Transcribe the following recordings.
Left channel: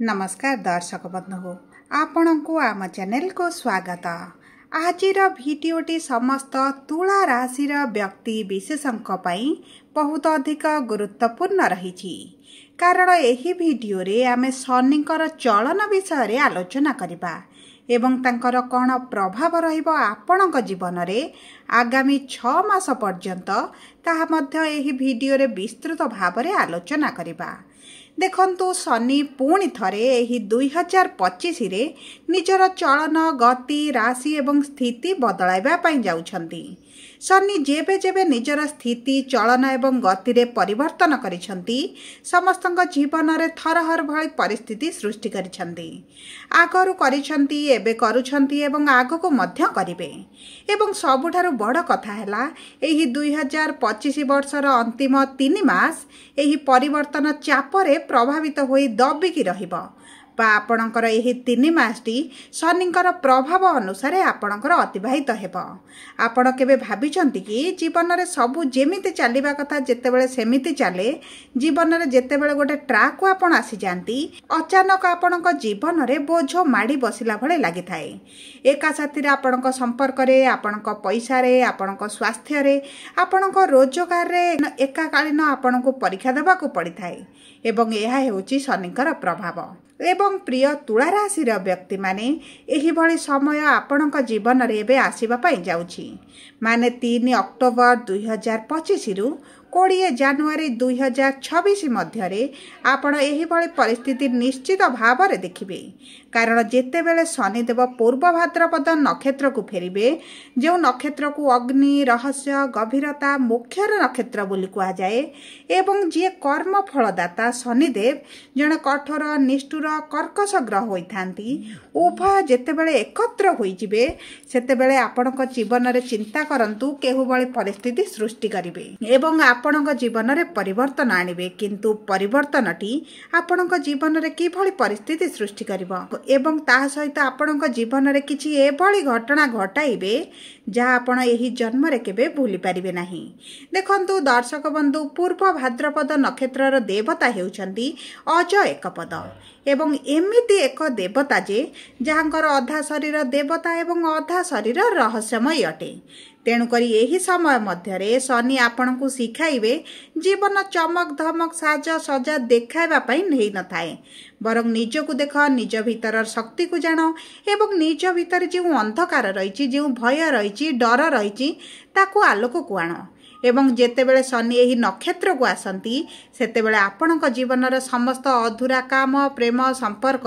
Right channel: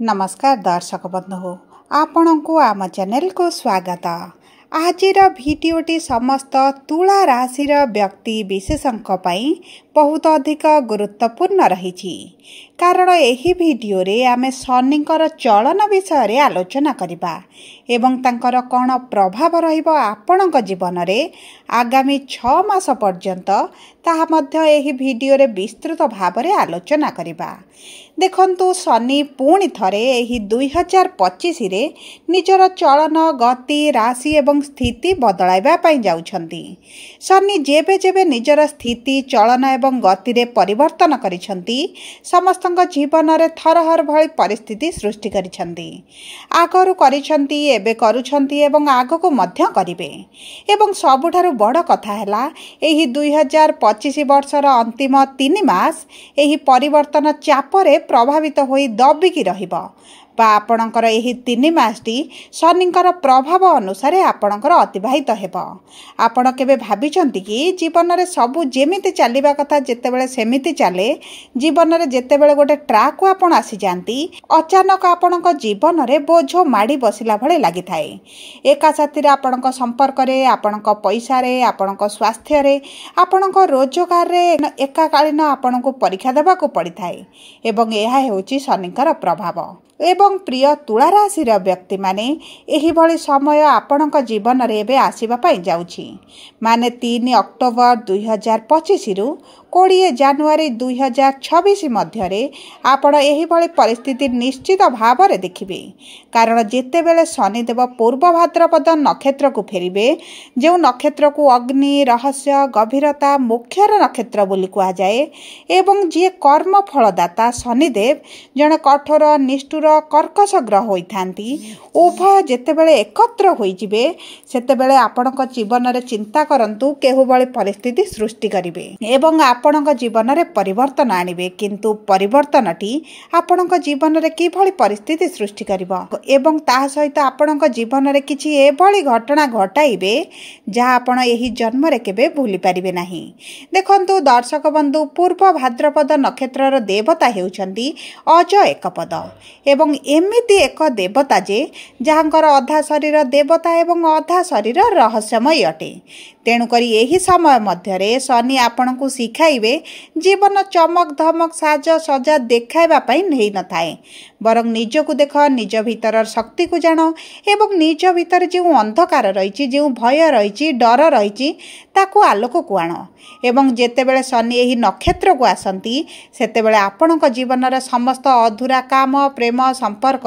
नमस्कार दर्शक बंधु आपण को आम चैनल को स्वागत। आजिर भिडियोटी समस्त तुला राशि व्यक्ति विशेषों बहुत अधिक गुरुत्वपूर्ण रही कारण एही भिडियो रे आमे शनिकर चलन विषय आलोचना करिबा एवं तांकर कौन प्रभाव रहिबो आपणक जीवन रे आगामी 6 मास पर्यंत ताहा मध्य एही भिडियो रे विस्तृत भाव रे आलोचना करिबा। देखंतु शनि पुणी थरे एही 2025 रे निजर चलन गति राशि एवं स्थिति बदलाइबा पई जाउछंती। शनि जेबे जेबे निजर स्थिति चलन एवं गति रे परिवर्तन करिसंती समस्तक जीवन रे थरहर भली परिस्थिति सृष्टि करिसंती। आगरु करिसंती एबे करूछंती एवं आगको मध्य करिवे एवं सबुठारु बड़ कथा हैला एही 2025 वर्षर अंतिम 3 मास एही परिवर्तन चापरे प्रभावित होई दबिकी रहिबो बा आपणकर एही 3 मासटी शनिकर प्रभाव अनुसार आपणकर अतिबाहित हेबो। आपण केबे भाबिचंती कि जीवन रे सबु जेमिति चलिबा कथा जेतेबेले सेमिति चले जीवन रे जेतेबेले गोटे ट्रैक को आपण आसी जानती अचानक आपणक जीवन रे बोझ माडी बसिला भले लागि थाए। एका साथी रे आपणक संपर्क रे आपणक पैसा रे आपणक स्वास्थ्य रे आपणक रोजगार रे एकाकालीन आपणको परीक्षा देबा को पड़ी थाए एवं एहा हेउची शनिकर प्रभाव। एवं प्रिय तुला राशि व्यक्ति माने एही भली समय आपणक जीवन रे एबे आसीबा पई जाउछि माने 3 अक्टोबर 2025 रु 20 जनवरी 2026 मध्यरे आपण एही भली परिस्थिति निश्चित भाव रे देखिबे कारण जेतेबेले शनिदेव पूर्व भाद्रपद नक्षत्र को फेरिबे जो नक्षत्र को अग्नि रहस्य गभीरता मुख्यर नक्षत्र बोली कहा जाए एवं जे कर्म फलदाता शनिदेव जने कठोर निष्ठुर कर्कश ग्रह होइथांती उभय जेतेबेले एकत्र होई जिबे सेतेबेले आपणक जीवन रे चिंता करंतु केहु भली परिस्थिति सृष्टि करिवे एवं आपणक जीवन रे परिवर्तन आनिबे किंतु परिवर्तनटी आपणक जीवन रे की भली परिस्थिति सृष्टि करिवो एवं ता सहित आपणक जीवन रे किछि ए भली घटना घटाइबे जहा आपण एही जन्म रे केबे भूली परिबे नाही। देखंतु दर्शक बंधु पूर्व भाद्रपद नक्षत्रर देवता हेउचंती अज एकपद एवं एमिति एक देवता जे जहांकर अधा शरीर देवता एवं अधा शरीर रहस्यमय अटे। तेणुकरी यही समय मध्य शनि आपण को शिखाइबे जीवन चमक धमक साज सजा देखाइबा पई नहीं न थाए बरং निजको देख निज भीतर शक्ति को जान एवं निज भीतर जो अंधकार रही जो भय रही डर रही ताकू आलोक को आण एवं जेतेबेले शनि एही नक्षत्र को आसंती सेतेबेले आपणक जीवनर समस्त अधूरा काम प्रेम संपर्क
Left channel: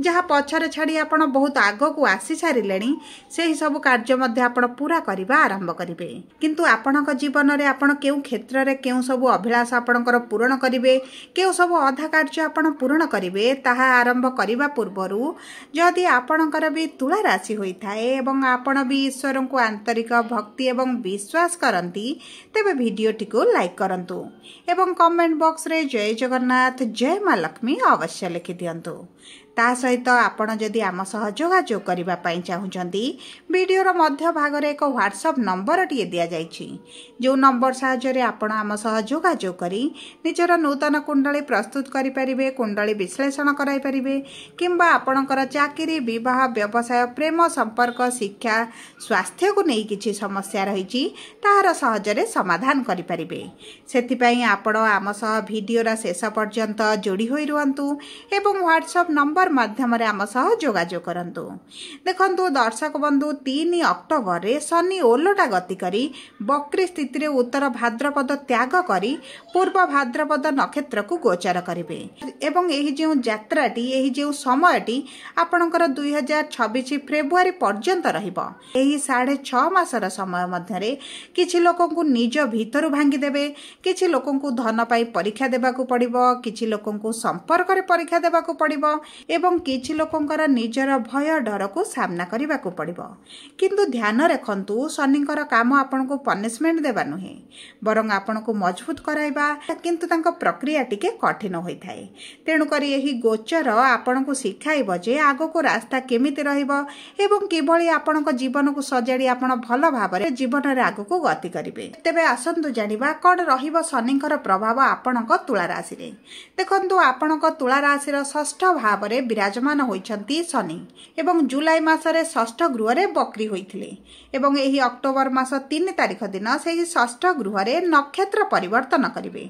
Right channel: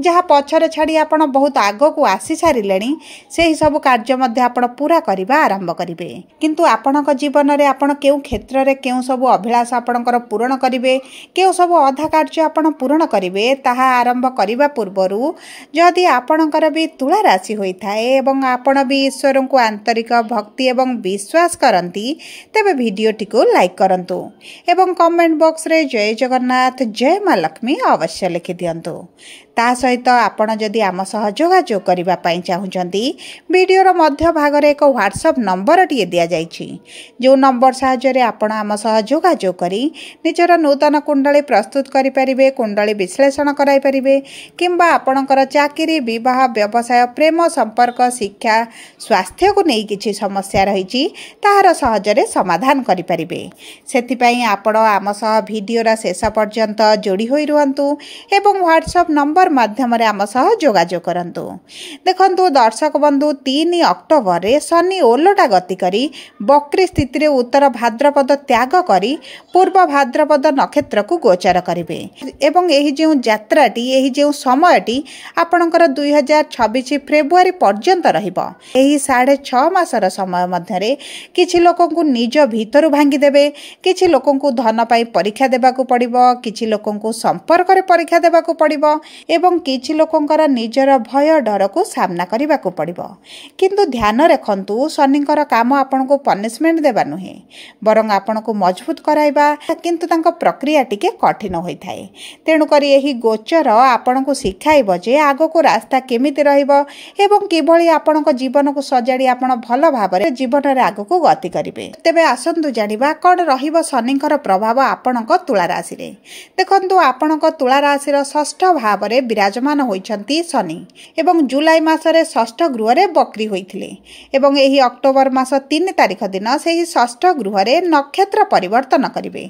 जहाँ पछरे छाड़ी आपण बहुत आग को आसी सारिलेनी सेही सब कार्य मध्य आपण पूरा करिबा आरंभ करिवे किंतु आपणक जीवन रे आपण केउ क्षेत्र रे केउ सब अभिलाष आपणकर पूर्ण करिवे केउ सब अधा कार्य आपण पूर्ण करिवे ताहा आरंभ करिबा पूर्वरु जदि आपणकर भी तुला राशि होई थाए एवं आपण भी ईश्वर को आंतरिक भक्ति एवं विश्वास करंती तेबे वीडियोटी को लाइक करंतु एवं कमेंट बॉक्स रे जय जगन्नाथ जय मां लक्ष्मी अवश्य लिखि दियंतु। ता सहित आपण जदि आम सह जोगाजोग करिबा पई चाहुचंती वीडियोर मध्य भाग रे एक व्हाट्सएप नंबर टिए दिया जाइछि जो नंबर सहायता रे आपण आम सह जोगाजोग करी निजर नूतन कुंडली प्रस्तुत करि परिबे कुंडली विश्लेषण कराई परिबे किंबा आपणकर चाकरी विवाह व्यवसाय प्रेम संपर्क शिक्षा स्वास्थ्य को नहीं किछि समस्या रहिछि ताहार सहजरे समाधान करि परिबे। सेथि पई आपण आम सह वीडियोर शेष पर्यंत जोड़ी होई रुहंतु एवं व्हाट्सएप नंबर माध्यम आम सह जोगाजोग करंतु। देखंतु दर्शक बंधु 3 अक्टोबर रे शनि ओलटा गति करी वक्री स्थिति रे उत्तर भाद्रपद त्याग करी पूर्व भाद्रपद नक्षत्र को गोचर करिवे एवं एही जे यात्राटी एही जे समयटी आपणकर 2026 फेब्रुआरी पर्यंत रहिबो। एही 6.5 मासर समय मध्यरे किछि लोकन को निज भीतर भांगी देबे किछि लोकन को धन पाई परीक्षा देबा को पड़िबो किछि लोकन को संपर्क रे परीक्षा देबा को पड़िबो एवं किछि लोकंकर निजर भय डर को सामना करने को पड़िबो। किंतु ध्यान रखंतु शनिंकर काम आपन को पनिशमेंट देबा नुहे बरं आपन को मजबूत कराइबा, किंतु तांको प्रक्रिया टिके कठिन होई थाए। तेणु करी एही गोचर आपन को सिखाइबो जे आगो को रास्ता केमिति रहिबो एवं किभଳି आपन को जीवन को सजाड़ी आपन भल भाबरे जीवन रे आगो को गति करिवे। तेबे आसंतु जानिबा कोन रहिबो शनिंकर प्रभाव आपन को तुला राशि रे। देखंतु आपन को तुला राशि रो षष्ठ भाव रे विराजमान होइछंती शनि एवं जुलाई मास रे षष्ठ गृह रे बकरी होइथिले एवं एही अक्टोबर मास 3 तारिख दिन सेही षष्ठ गृह रे नक्षत्र परिवर्तन करिवे।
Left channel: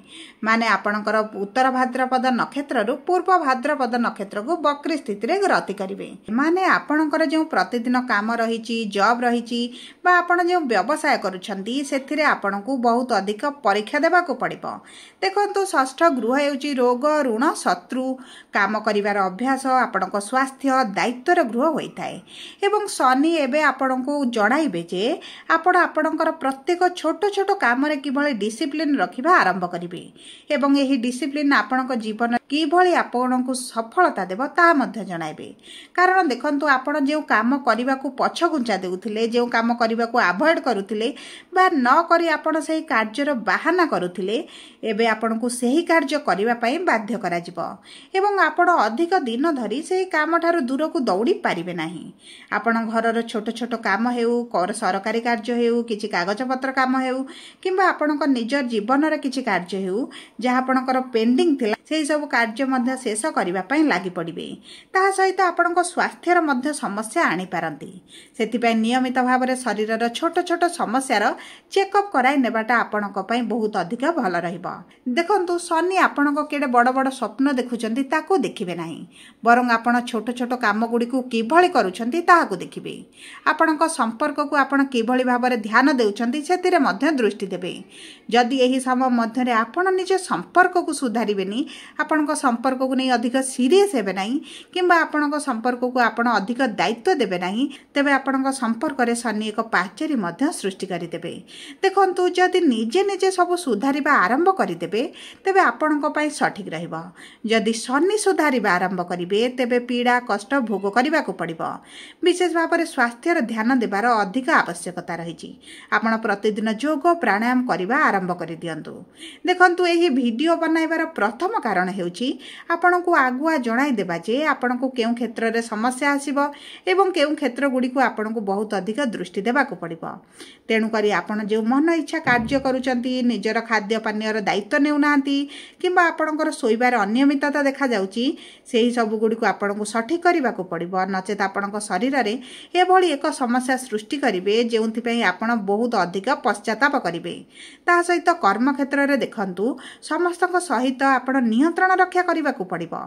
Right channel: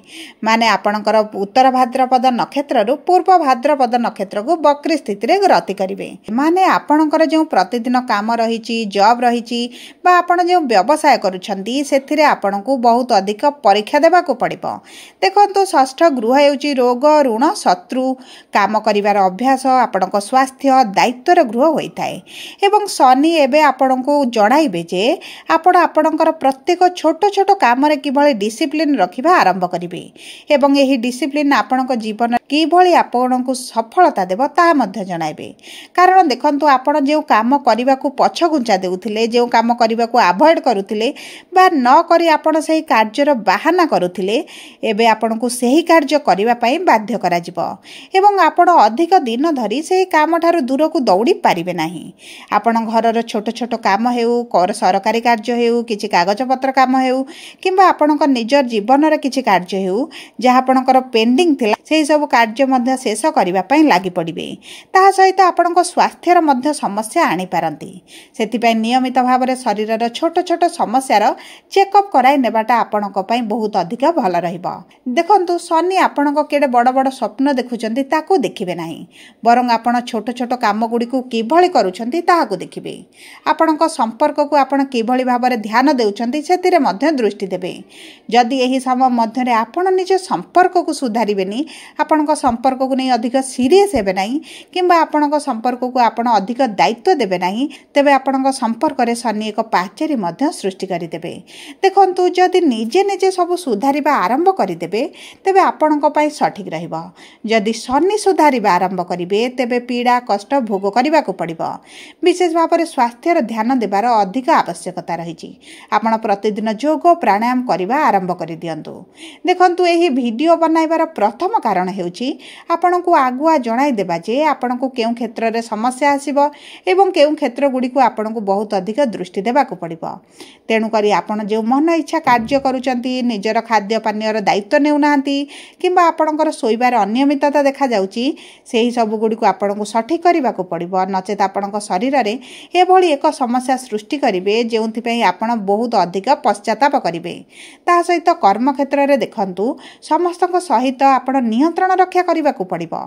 माने आपनकर उत्तर भाद्रपद नक्षत्र रु पूर्व भाद्रपद नक्षत्र को बकरी स्थिति रे गति करिवे। माने आपनकर जो प्रतिदिन काम रहिछि, जॉब रहिछि बा आपण जो व्यवसाय करूछंती सेथिरे आपण को बहुत अधिक परीक्षा देबा को पड़िबो। देखंतु षष्ठ गृह हेउछि रोग, ऋण, शत्रु, काम करिवार अभ्यास, आपणको स्वास्थ्य, दायित्वर गृह होइथाए एवं शनि एबे आपणको जणाइबे जे आपण आपणकर प्रत्येक छोट छोट काम रे किभଳି डिसिप्लिन रखिबा आरंभ करिवे एवं एही डिसिप्लिन आपणको जीवन किभଳି आपणको सफलता देबो ता मध्ये जणाइबे। कारण देखंतु आपण जे काम करिबा को पछ गुंचा देउथिले, जे काम करिबा को अवॉइड करूथिले बा न करी आपण सही कार्यर बाहाना करूथिले, एबे आपणको सही कार्य करिबा पई बाध्य करा जिवो एवं आपण अधिक दिन धरी सही काम ठारू दूर को दौड़ी पारिबे नाही। आपण घरर छोट छोट काम हेउ, सरकारी कार्य हेउ, किछि कागज पत्र काम हेउ किंबा आपणक निजर जीवनर किछि कार्य हेउ जहा आपणकर पेंडिंग थिला सेही सब कार्य मध्ये शेष करिबा पई लागि पड़िबे। ता सहित आपणक स्वास्थ्यर मध्ये समस्या आनी पारंती। सेति पई नियमित भाबरे शरीरर छोट छोट समस्यार चेकअप कराई नेबाटा आपणक पई बहुत अधिक भल रहिबो। देखंतु शनि आपणक केडे बड़ बड़ स्वप्न देखुचंती ताको देखिबे नाही, बरं आपण छोट छोट काम गुडी को किभଳି करूचंती ताहाको देखिबे। आपणक संपर्क को आपण किभଳି भाबरे ध्यान देउचंती सेतिरे मध्ये दृष्टि देबे। जदि एही समय मध्ये रे आपण निज संपर्क को सुधारिबेनी, आपणक संपर्क को नै अधिक सीरियस हेबे नाही किंबा आपणक संपर्क को आपण अधिक दायित्व देबे नाही, तेबे आपणक संपर्क रे शनि एक पाचेरी मध्ये सृष्टि करि देबे। देखंतु जदि निजे निजे सब सुधारिबा आरंभ करि देबे तेबे आपणक पई सठिक रहिबो। जदि शनि सुधारिबा आरंभ करिवे तेबे पीड़ा कष्ट भोग करिबा को पड़िबो। विशेष भाबरे स्वास्थ्यर ध्यान देबार अधिक आवश्यकता रहिछि। आपण प्रतिदिन योग प्राणायाम करिबा आरंभ करि दियंतु। देखंतु एही वीडियो बनाइबार प्रथम कारण हेउछि आपण को आगुआ जणाई देबा जे आपण को केउ क्षेत्र रे समस्या आसीबो एवं केउ क्षेत्र गुडी को आपण को बहुत अधिक दृष्टि देबा को पड़िबो। तेणु करी आपण जो मन इच्छा कार्य करूचंती, निजर खाद्य पानीयर दायित्व नेउ नांती किंबा आपणकर सोइबार अनियमितता देखा जाउची, सेही सब गुडी को आपण को सठिक करिबा को पड़िबो। नचेत आपणक शरीर रे एभଳି एक समस्या सृष्टि करिवे जेउथि पई आपण बहुत अधिक पश्चाताप करिवे। ता सहित कर्म क्षेत्र रे देखंतु समस्तक सहित आपण नियंत्रण रक्षा करिबा को पड़िबो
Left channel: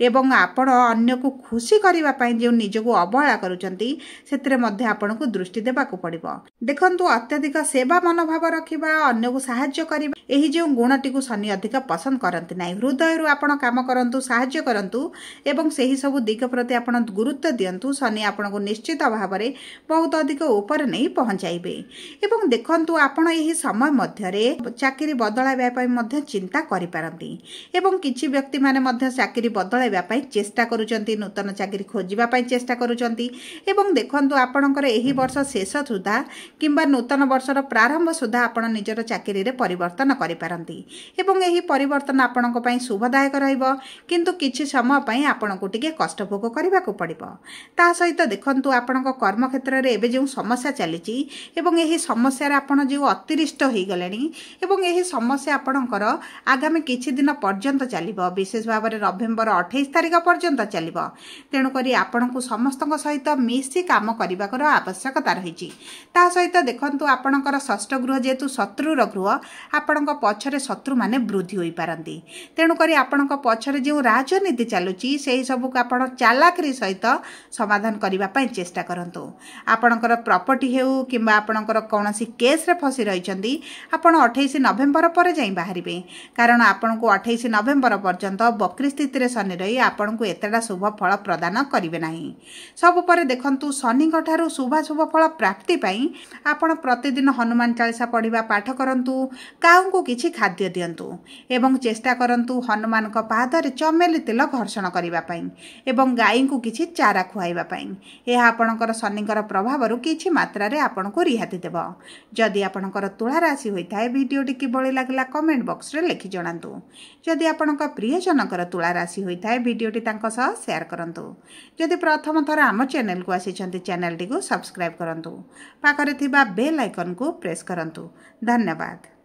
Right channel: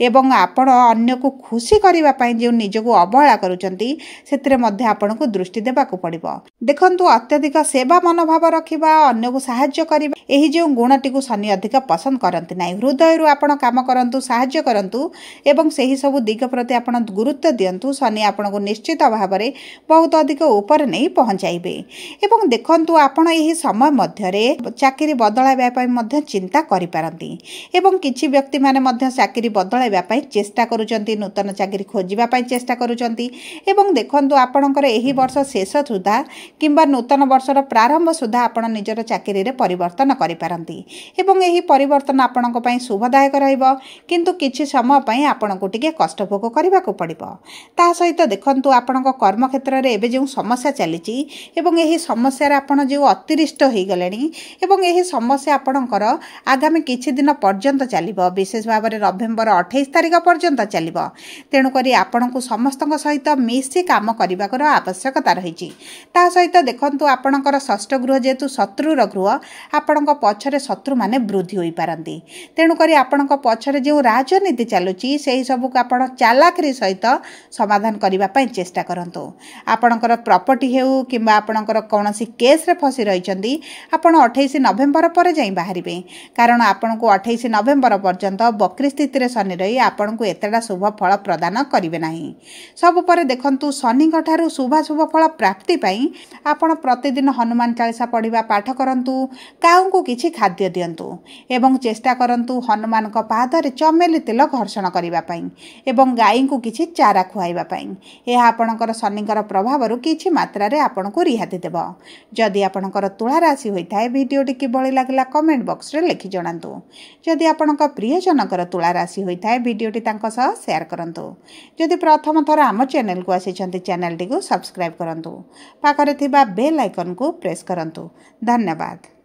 एवं आपण अन्य को खुशी करिबा पई जे निज को अवहेला करूचंती सेतिरे मध्ये आपण को दृष्टि देबा को पड़िबो। देखंतु अत्यधिक सेवा मनोभाव रखिबा, अन्य को सहाय्य करिबा, एही जे गुणटी को शनि अधिक पसंद करंती नाही। हृदय रु आपण काम करंतु, सहाय्य करंतु एवं सेही सब दिग प्रति आपण गुरुत्व दियंतु। शनि आपण को निश्चित भाव रे बहुत अधिक ऊपर नहीं पहुंचाइबे। एवं देखंतु आपण एही समय मध्य रे चाकरी बदलाइबा पई मध्य चिंता करि पारंती एवं किछि व्यक्ति माने मध्य चाकरी बदलाइबा पई चेष्टा करूचंती, नूतन चाकरी खोजिबा पई चेष्टा करूचंती एवं देखंतु आपणकर एही वर्ष शेष सुधा किंबा नूतन वर्षर प्रारंभ सुधा आपण निजर चाकरी रे परिवर्तन करि पारंती एवं एही परिवर्तन आपणक पई शुभदायक रहइबो। किंतु किछि समय पई आपणको टिके कष्ट भोग करिबा को पड़िबो। ता सहित देखंतु आपणक कर्म क्षेत्र रे एबे जो समस्या चलीची एवं एही समस्या रे आपण जो अतिरिष्ट होई गलेनी एवं एही समस्या आपणकर आगामी किछि दिन पर्यंत चलिबो। विशेष भाव रे नवेम्बर 28 तारिख पर्यंत चलिबो। तेणु करी आपणको समस्तक सहित मिसी काम करिबाकर आवश्यकता रहिची। ता सहित देखंतु आपणकर षष्ठ गृह जेतु शत्रुर गृह, आपणक पछरे शत्रु माने वृद्धि होई पारंती। तेणु करी आपणक पछरे जो राजनीति चालुची सेही सब को आपण चालाकरी सहित समाधान करिबा पई चेष्टा करंतु। आपणकर प्रॉपर्टी हेउ किंबा आपणकर कोनोसी केस रे फसी रहिचंदी, आपण 28 नवेम्बर पर जाई बाहरिबे। कारण आपणको 28 नवेम्बर पर्यंत बक्री स्थित रे शनि रही आपन को एतडा शुभ फल प्रदान करिवे नाही। सब परे देखंतु शनि ठारू शुभ फल प्राप्ति पाई आपण प्रतिदिन हनुमान चालीसा पढ़िबा पाठ करंतु, काऊ को किछि खाद्य दियंतु एवं चेष्टा करंतु हनुमान का पादरे चमेली तेल घर्षण करिबा पाई एवं गाई को किछि चारा खुआइबा पाई। यह आपणकर शनिकर प्रभाव किछि मात्रा रे आपण को रिहाती देबो। जदि आपणकर तुला राशि होइताय वीडियोटी किभଳି लागला कमेंट बॉक्स रे लिखि जणांतु। जदि आपणकर प्रिय जनकर तुला राशि होइताय वीडियोटी तांको सह शेयर करंतु। जदि प्रथम थर आम चैनल को आसिछन्ति चैनल टी को सब्सक्राइब करंतु। पाखरे थिबा बेल आइकन को प्रेस करंतु। धन्यवाद।